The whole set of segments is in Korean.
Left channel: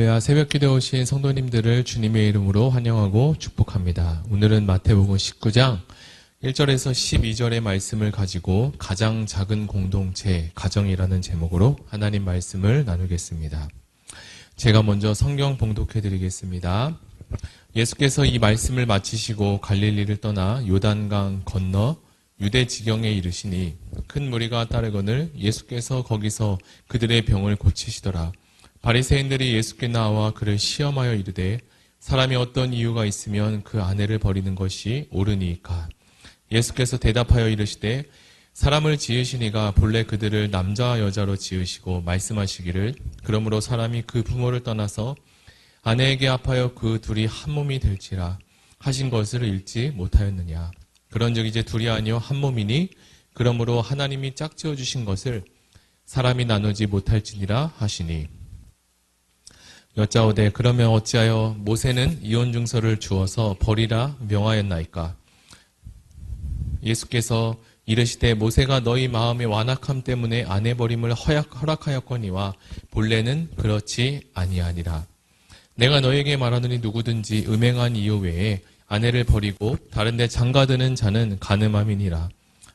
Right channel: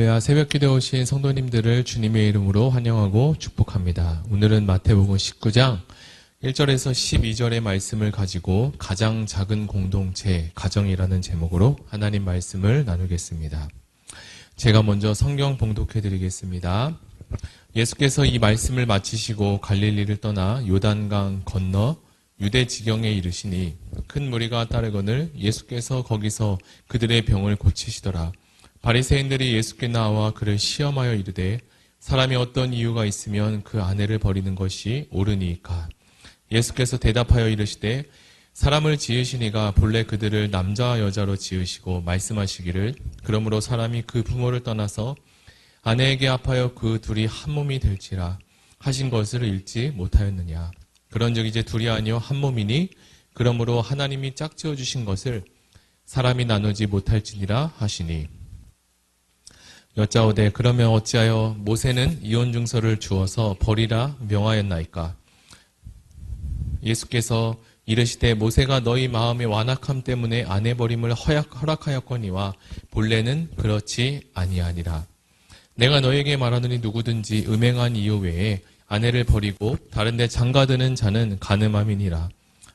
할렐루야. 새벽기도에 오신 성도님들을 주님의 이름으로 환영하고 축복합니다. 오늘은 마태복음 19장 1절에서 12절의 말씀을 가지고 가장 작은 공동체, 가정이라는 제목으로 하나님 말씀을 나누겠습니다. 제가 먼저 성경 봉독해 드리겠습니다. 예수께서 이 말씀을 마치시고 갈릴리를 떠나 요단강 건너 유대 지경에 이르시니 큰 무리가 따르거늘 예수께서 거기서 그들의 병을 고치시더라. 바리새인들이 예수께 나와 그를 시험하여 이르되 사람이 어떤 이유가 있으면 그 아내를 버리는 것이 옳으니까. 예수께서 대답하여 이르시되 사람을 지으신 이가 본래 그들을 남자와 여자로 지으시고 말씀하시기를 그러므로 사람이 그 부모를 떠나서 아내에게 합하여 그 둘이 한 몸이 될지라 하신 것을 읽지 못하였느냐. 그런즉 이제 둘이 아니요 한 몸이니 그러므로 하나님이 짝지어 주신 것을 사람이 나누지 못할지니라 하시니. 여짜오되 그러면 어찌하여 모세는 이혼 증서를 주어서 버리라 명하였나이까. 예수께서 이르시되 모세가 너희 마음의 완악함 때문에 아내 버림을 허락하였거니와 본래는 그렇지 아니하니라. 내가 너에게 말하노니 누구든지 음행한 이유 외에 아내를 버리고 다른 데 장가드는 자는 간음함이니라.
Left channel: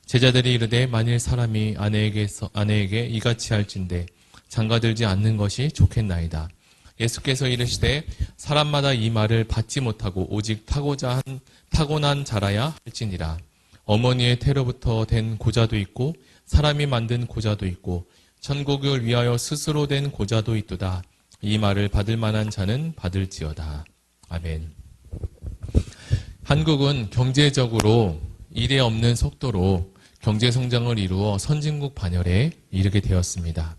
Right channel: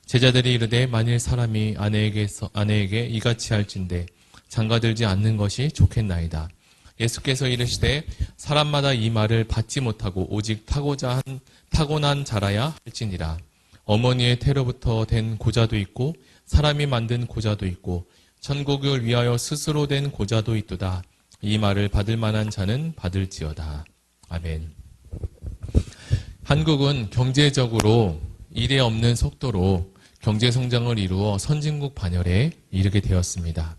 제자들이 이르되 만일 사람이 아내에게 이같이 할진대 장가들지 않는 것이 좋겠나이다. 예수께서 이르시되 사람마다 이 말을 받지 못하고 오직 타고난 자라야 할지니라. 어머니의 태로부터 된 고자도 있고 사람이 만든 고자도 있고 천국을 위하여 스스로 된 고자도 있도다. 이 말을 받을 만한 자는 받을지어다. 아멘. 한국은 경제적으로 이례 없는 속도로 경제 성장을 이루어 선진국 반열에 이르게 되었습니다.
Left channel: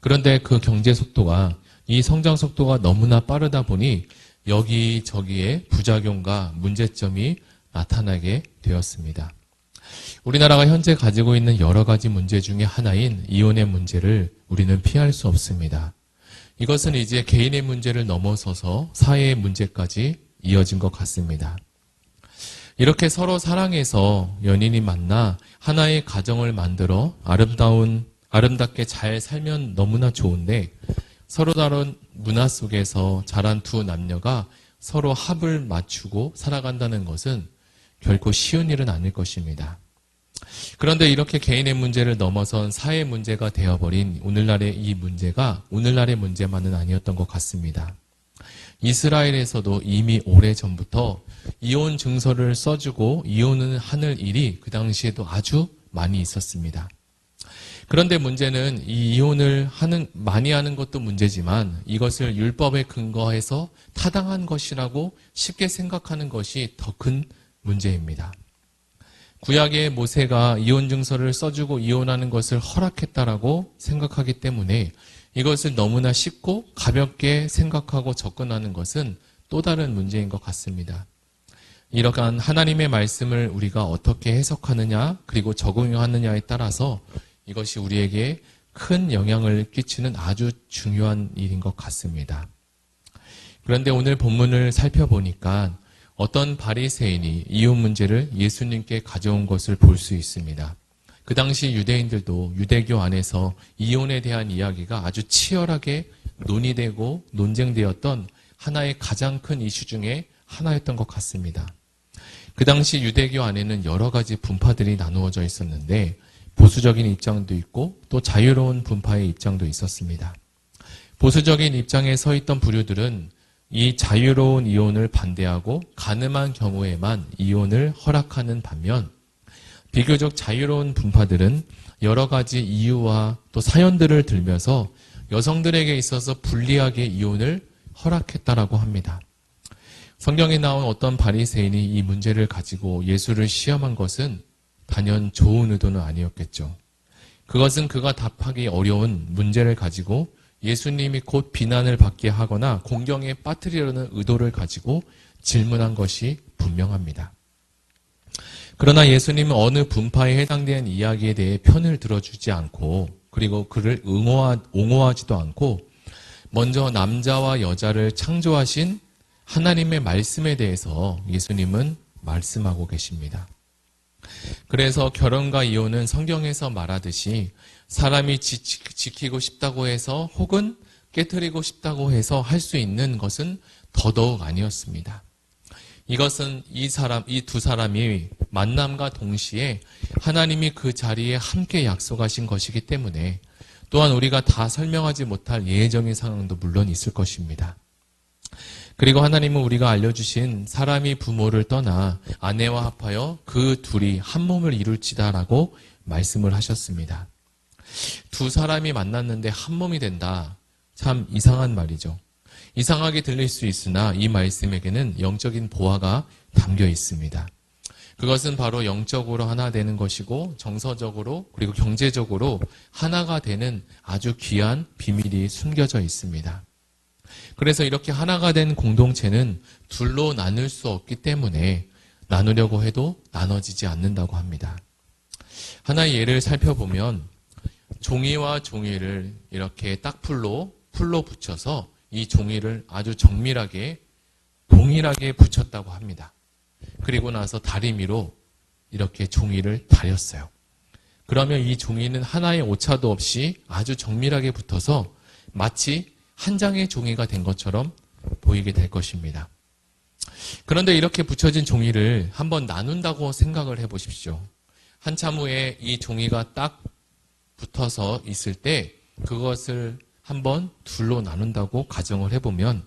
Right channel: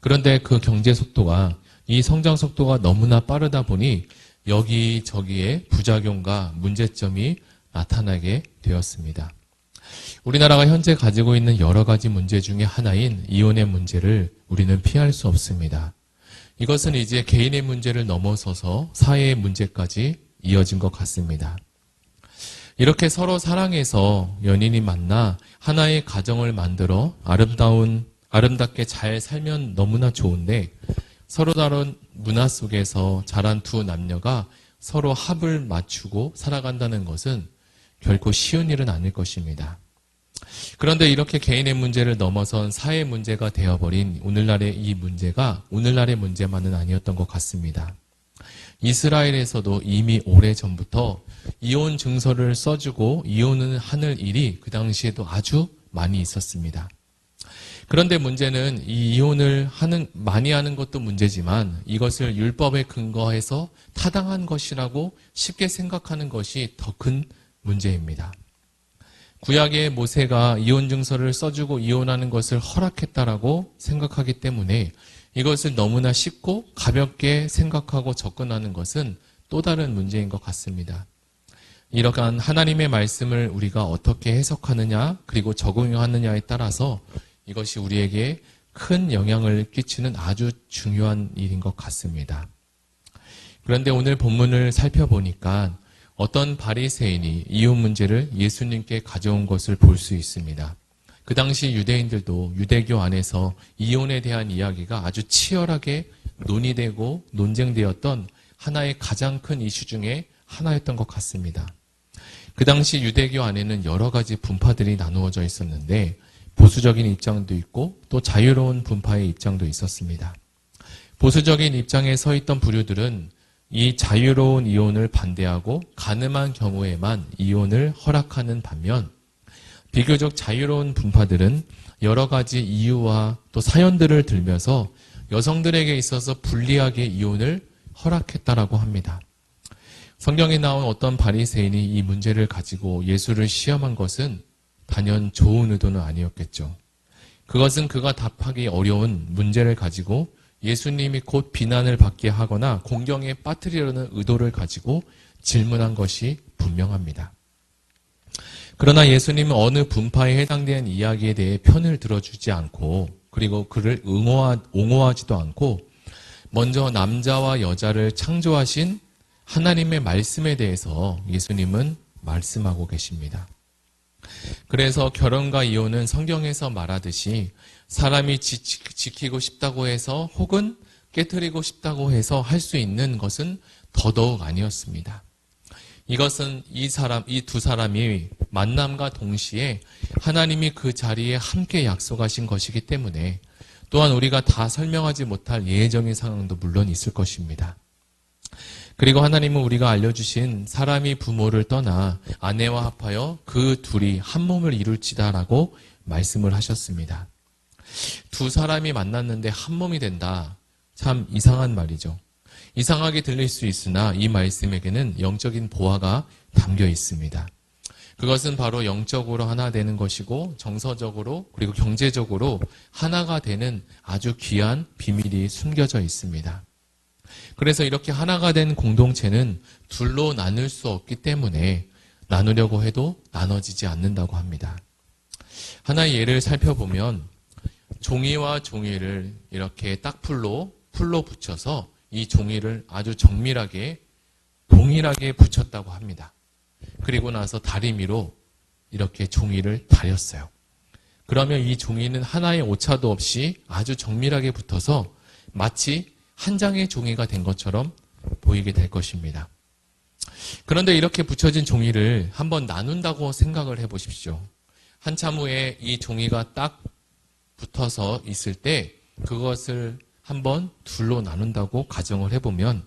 그런데 그 경제 속도가 이 성장 속도가 너무나 빠르다 보니 여기저기에 부작용과 문제점이 나타나게 되었습니다. 우리나라가 현재 가지고 있는 여러 가지 문제 중에 하나인 이혼의 문제를 우리는 피할 수 없습니다. 이것은 이제 개인의 문제를 넘어서서 사회의 문제까지 이어진 것 같습니다. 이렇게 서로 사랑해서 연인이 만나 하나의 가정을 만들어 아름답게 잘 살면 너무나 좋은데 서로 다른 문화 속에서 자란 두 남녀가 서로 합을 맞추고 살아간다는 것은 결코 쉬운 일은 아닐 것입니다. 그런데 이렇게 개인의 문제를 넘어선 사회 문제가 되어버린 오늘날의 이 문제가 오늘날의 문제만은 아니었던 것 같습니다. 이스라엘에서도 이미 오래전부터 이혼 증서를 써주고 이혼을 하는 일이 그 당시에도 아주 많이 있었습니다. 그런데 문제는 이 이혼을 많이 하는 것도 문제지만 이것을 율법에 근거해서 타당한 것이라고 쉽게 생각하는 것이 더 큰 문제입니다. 구약의 모세가 이혼 증서를 써주고 이혼하는 것을 허락했다라고 생각하기 때문에 이것을 너무나 쉽고 가볍게 생각하고 접근하는 것은 또 다른 문제인 것 같습니다. 이러한 하나님의 말씀을 우리가 어떻게 해석하느냐 그리고 적용하느냐에 따라서 이것이 우리에게 큰 영향을 끼치는 아주 중요한 일인 것 같습니다. 그런데 오늘 본문을 살펴보니까 어떤 바리새인이 이혼 문제를 예수님께 가져온 것을 볼 수 있습니다. 그 당시 유대인들도 유대교 안에서 이혼에 대한 이야기가 아주 치열하게 논의되고 논쟁되었던 하나의 가장 큰 이슈 중에 하나였던 것 같습니다. 그 당시 유대교 안에는 여러 가지 분파들이 나누어져 있었는데 보수적인 입장도 있고 또 자유로운 분파의 입장도 있었습니다. 보수적인 입장에 서 있던 부류들은 이 자유로운 이혼을 반대하고 가늠한 경우에만 이혼을 허락하는 반면 비교적 자유로운 분파들은 여러 가지 이유와 또 사연들을 들면서 여성들에게 있어서 불리하게 이혼을 허락했다라고 합니다. 성경에 나온 어떤 바리새인이 이 문제를 가지고 예수를 시험한 것은 단연 좋은 의도는 아니었겠죠. 그것은 그가 답하기 어려운 문제를 가지고 예수님이 곧 비난을 받게 하거나 공경에 빠뜨리려는 의도를 가지고 질문한 것이 분명합니다. 그러나 예수님은 어느 분파에 해당되는 이야기에 대해 편을 들어주지 않고 그리고 그를 옹호하지도 않고 먼저 남자와 여자를 창조하신 하나님의 말씀에 대해서 예수님은 말씀하고 계십니다. 그래서 결혼과 이혼은 성경에서 말하듯이 사람이 지키고 싶다고 해서 혹은 깨트리고 싶다고 해서 할 수 있는 것은 더더욱 아니었습니다. 이것은 이 두 사람이 만남과 동시에 하나님이 그 자리에 함께 약속하신 것이기 때문에 또한 우리가 다 설명하지 못할 예외적인 상황도 물론 있을 것입니다. 그리고 하나님은 우리가 알려주신 사람이 부모를 떠나 아내와 합하여 그 둘이 한 몸을 이룰지다라고 말씀을 하셨습니다. 두 사람이 만났는데 한 몸이 된다. 참 이상한 말이죠. 이상하게 들릴 수 있으나 이 말씀에게는 영적인 보화가 담겨 있습니다. 그것은 바로 영적으로 하나 되는 것이고 정서적으로 그리고 경제적으로 하나가 되는 아주 귀한 비밀이 숨겨져 있습니다. 그래서 이렇게 하나가 된 공동체는 둘로 나눌 수 없기 때문에 나누려고 해도 나눠지지 않는다고 합니다. 하나의 예를 살펴보면 종이와 종이를 이렇게 딱풀로 붙여서 이 종이를 아주 정밀하게 동일하게 붙였다고 합니다. 그리고 나서 다리미로 이렇게 종이를 다렸어요. 그러면 이 종이는 하나의 오차도 없이 아주 정밀하게 붙어서 마치 한 장의 종이가 된 것처럼 보이게 될 것입니다. 그런데 이렇게 붙여진 종이를 한번 나눈다고 생각을 해보십시오. 한참 후에 이 종이가 딱 붙어서 있을 때 그것을 한번 둘로 나눈다고 가정을 해보면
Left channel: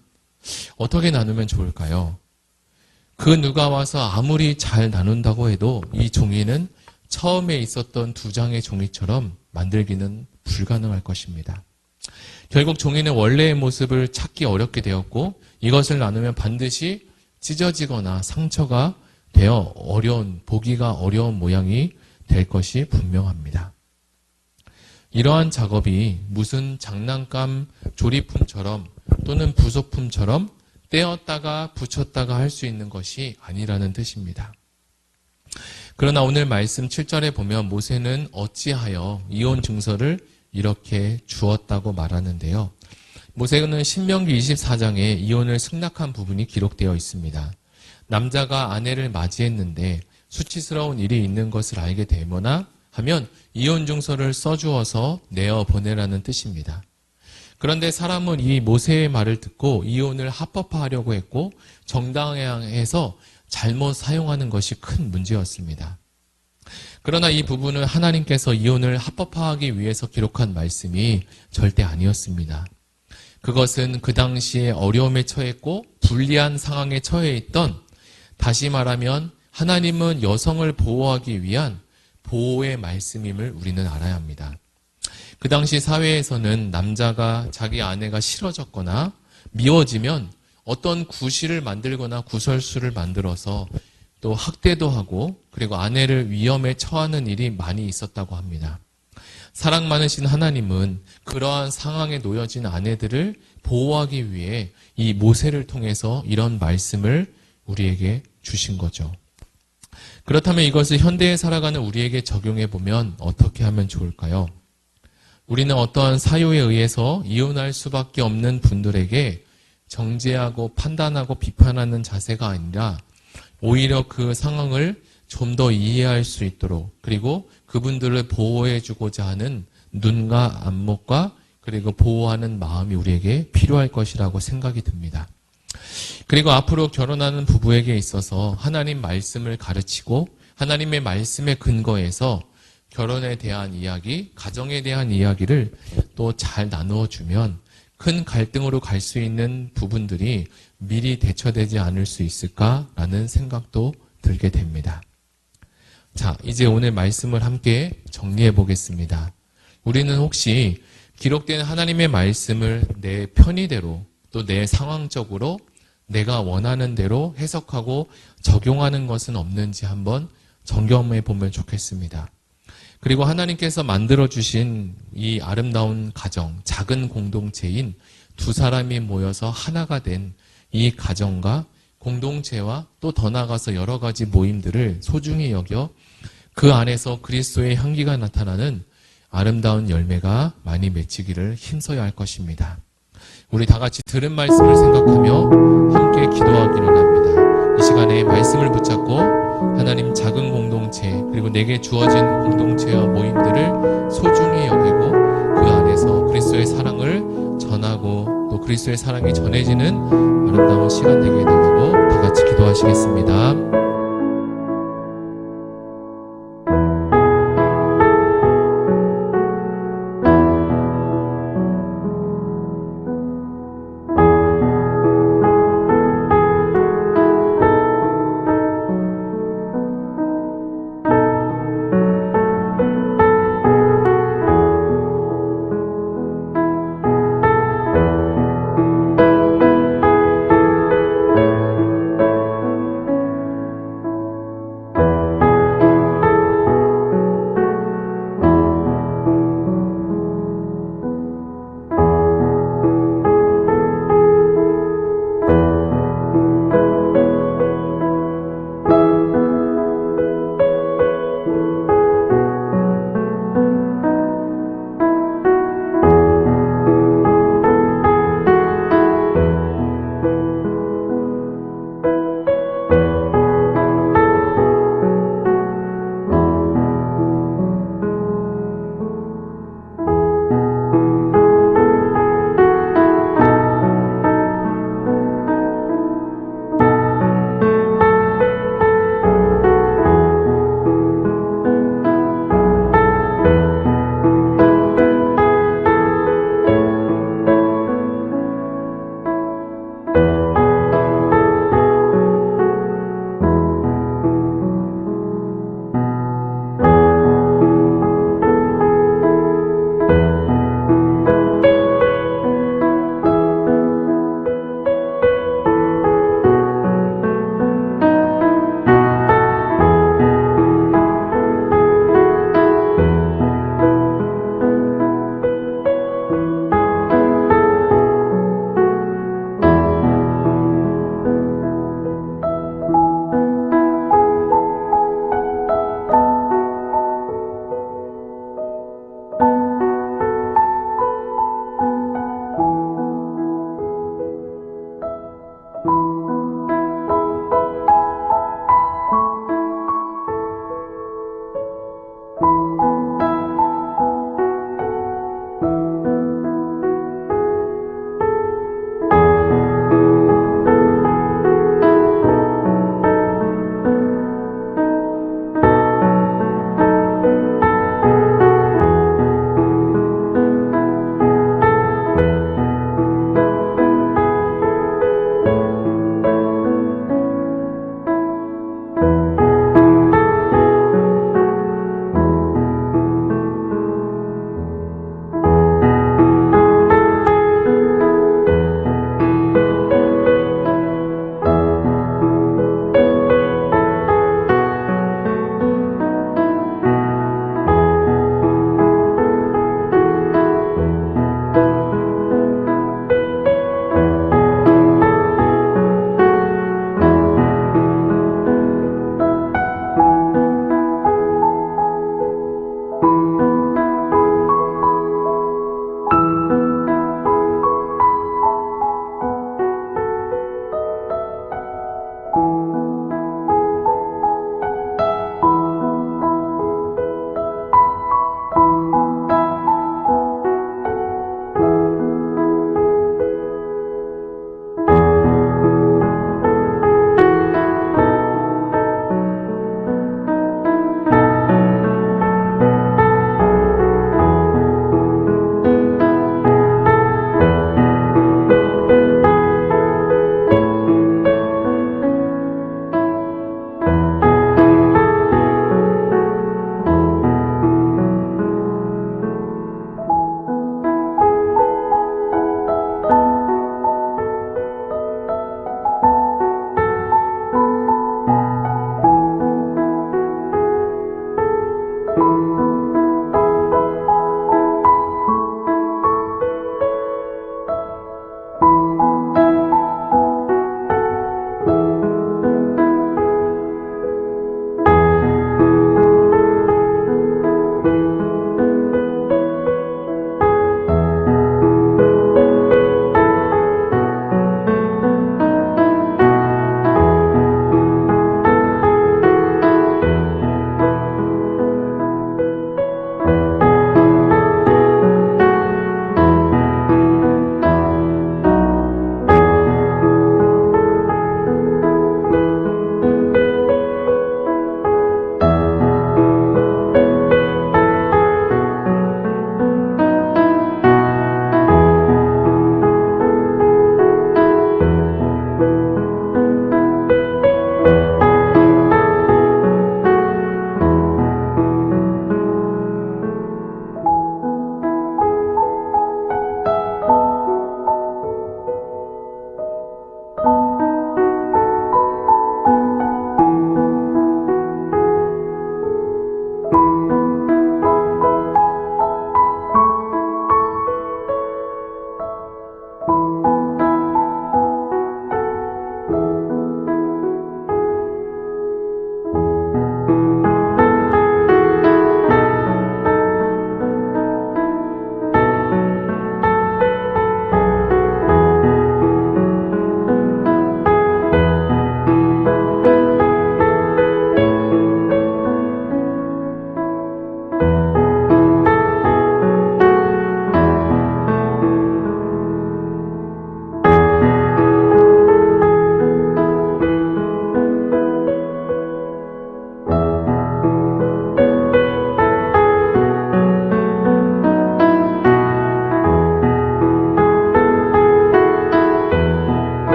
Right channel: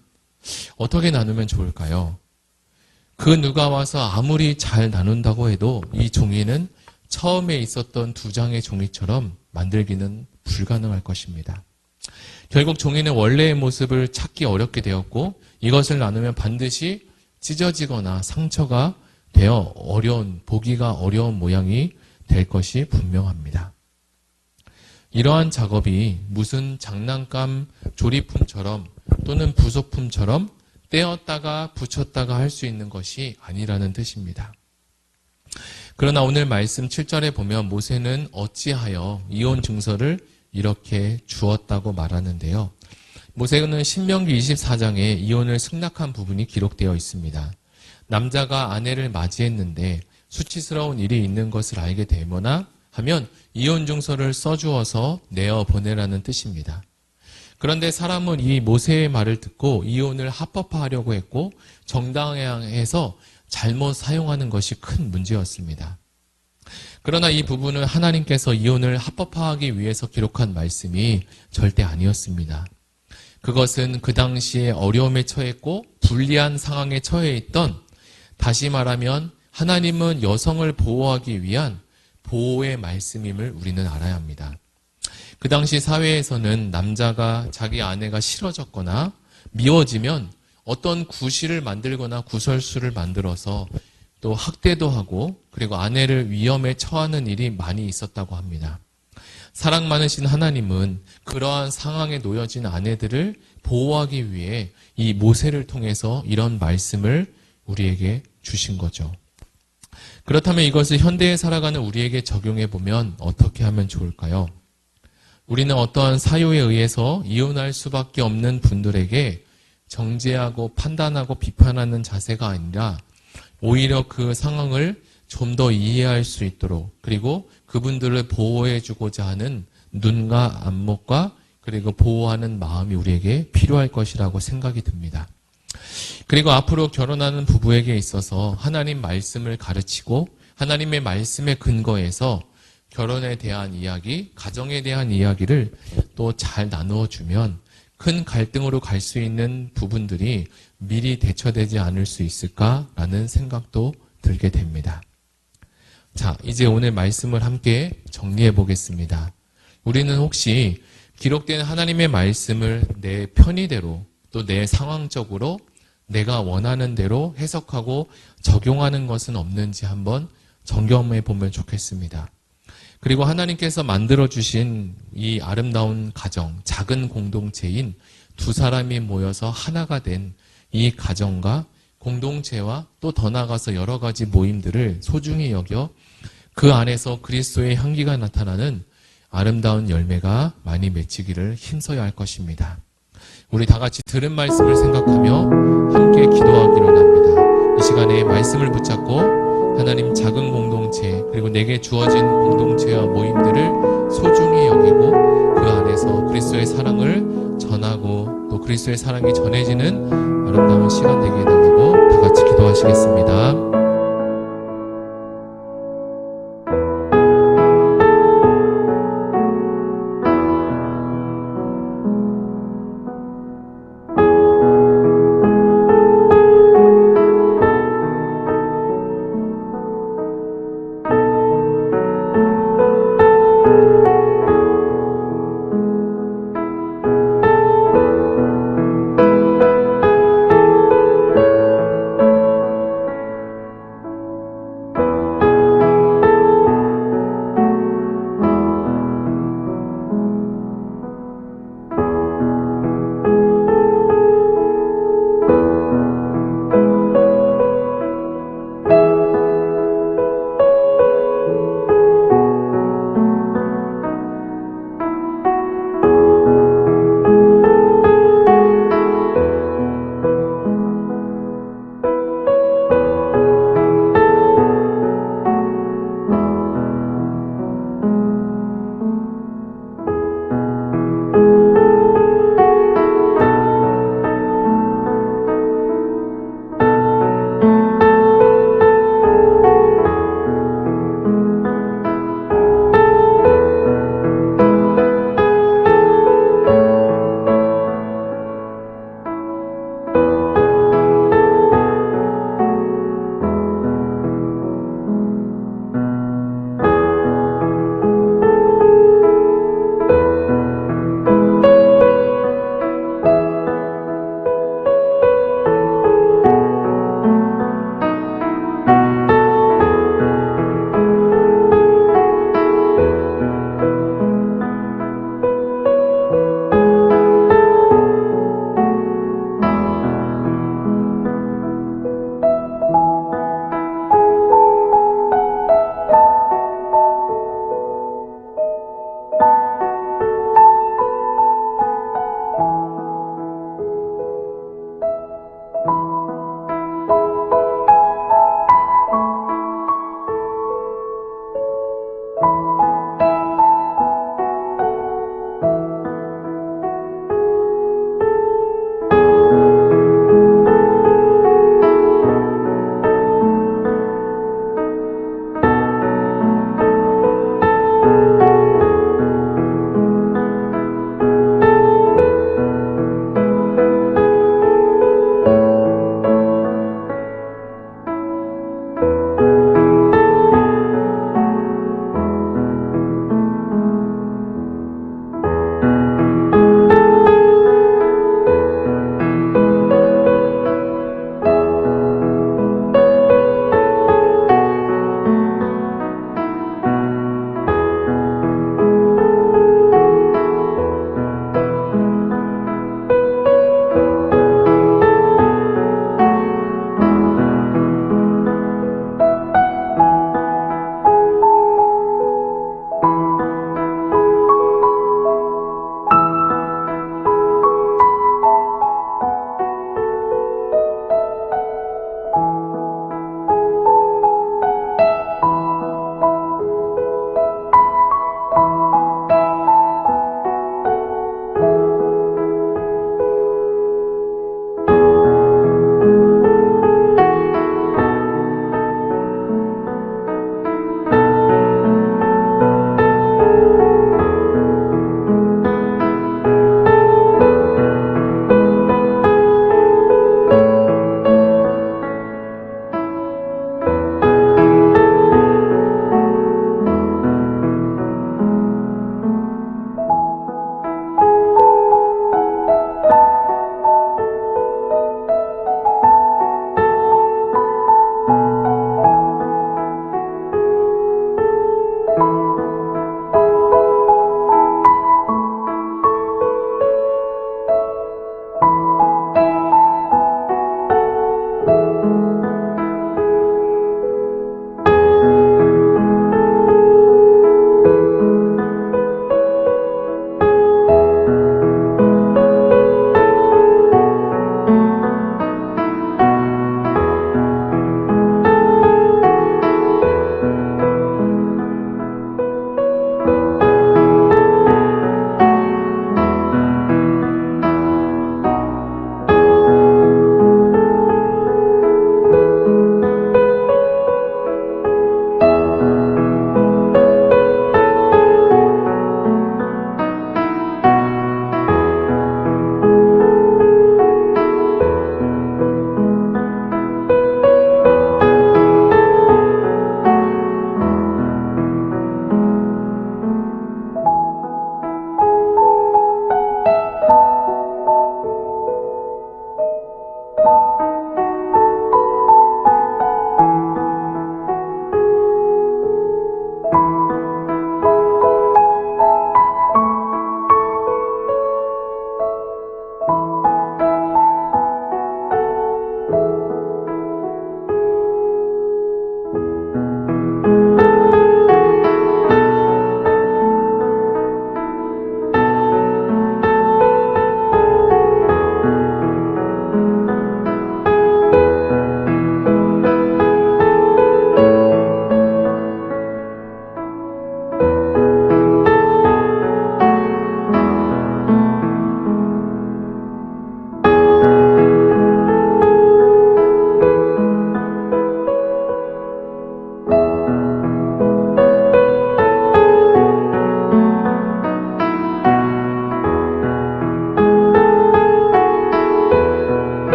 어떻게 나누면 좋을까요? 그 누가 와서 아무리 잘 나눈다고 해도 이 종이는 처음에 있었던 두 장의 종이처럼 만들기는 불가능할 것입니다. 결국 종이는 원래의 모습을 찾기 어렵게 되었고 이것을 나누면 반드시 찢어지거나 상처가 되어 보기가 어려운 모양이 될 것이 분명합니다. 이러한 작업이 무슨 장난감 조립품처럼 또는 부속품처럼 떼었다가 붙였다가 할 수 있는 것이 아니라는 뜻입니다. 그러나 오늘 말씀 7절에 보면 모세는 어찌하여 이혼 증서를 이렇게 주었다고 말하는데요. 모세는 신명기 24장에 이혼을 승낙한 부분이 기록되어 있습니다. 남자가 아내를 맞이했는데 수치스러운 일이 있는 것을 알게 되거나 하면 이혼 증서를 써주어서 내어 보내라는 뜻입니다. 그런데 사람은 이 모세의 말을 듣고 이혼을 합법화하려고 했고 정당화해서 잘못 사용하는 것이 큰 문제였습니다. 그러나 이 부분은 하나님께서 이혼을 합법화하기 위해서 기록한 말씀이 절대 아니었습니다. 그것은 그 당시에 어려움에 처했고 불리한 상황에 처해 있던, 다시 말하면 하나님은 여성을 보호하기 위한 보호의 말씀임을 우리는 알아야 합니다. 그 당시 사회에서는 남자가 자기 아내가 싫어졌거나 미워지면 어떤 구실을 만들거나 구설수를 만들어서 또 학대도 하고 그리고 아내를 위험에 처하는 일이 많이 있었다고 합니다. 사랑 많으신 하나님은 그러한 상황에 놓여진 아내들을 보호하기 위해 이 모세를 통해서 이런 말씀을 우리에게 주신 거죠. 그렇다면 이것을 현대에 살아가는 우리에게 적용해 보면 어떻게 하면 좋을까요? 우리는 어떠한 사유에 의해서 이혼할 수밖에 없는 분들에게 정죄하고 판단하고 비판하는 자세가 아니라 오히려 그 상황을 좀 더 이해할 수 있도록 그리고 그분들을 보호해주고자 하는 눈과 안목과 그리고 보호하는 마음이 우리에게 필요할 것이라고 생각이 듭니다. 그리고 앞으로 결혼하는 부부에게 있어서 하나님 말씀을 가르치고 하나님의 말씀에 근거해서 결혼에 대한 이야기, 가정에 대한 이야기를 또 잘 나누어주면 큰 갈등으로 갈 수 있는 부분들이 미리 대처되지 않을 수 있을까라는 생각도 들게 됩니다. 자, 이제 오늘 말씀을 함께 정리해 보겠습니다. 우리는 혹시 기록된 하나님의 말씀을 내 편의대로 또 내 상황적으로 내가 원하는 대로 해석하고 적용하는 것은 없는지 한번 점검해 보면 좋겠습니다. 그리고 하나님께서 만들어주신 이 아름다운 가정, 작은 공동체인 두 사람이 모여서 하나가 된 이 가정과 공동체와 또 더 나아가서 여러 가지 모임들을 소중히 여겨 그 안에서 그리스도의 향기가 나타나는 아름다운 열매가 많이 맺히기를 힘써야 할 것입니다. 우리 다 같이 들은 말씀을 생각하며 함께 기도하기로 합니다. 이 시간에 말씀을 붙잡고 하나님 작은 공동체 그리고 내게 주어진 공동체와 모임들을 소중히 여기고 그 안에서 그리스도의 사랑을 전하고 또 그리스도의 사랑이 전해지는 아름다운 시간 되게 해달라고 다 같이 기도하시겠습니다.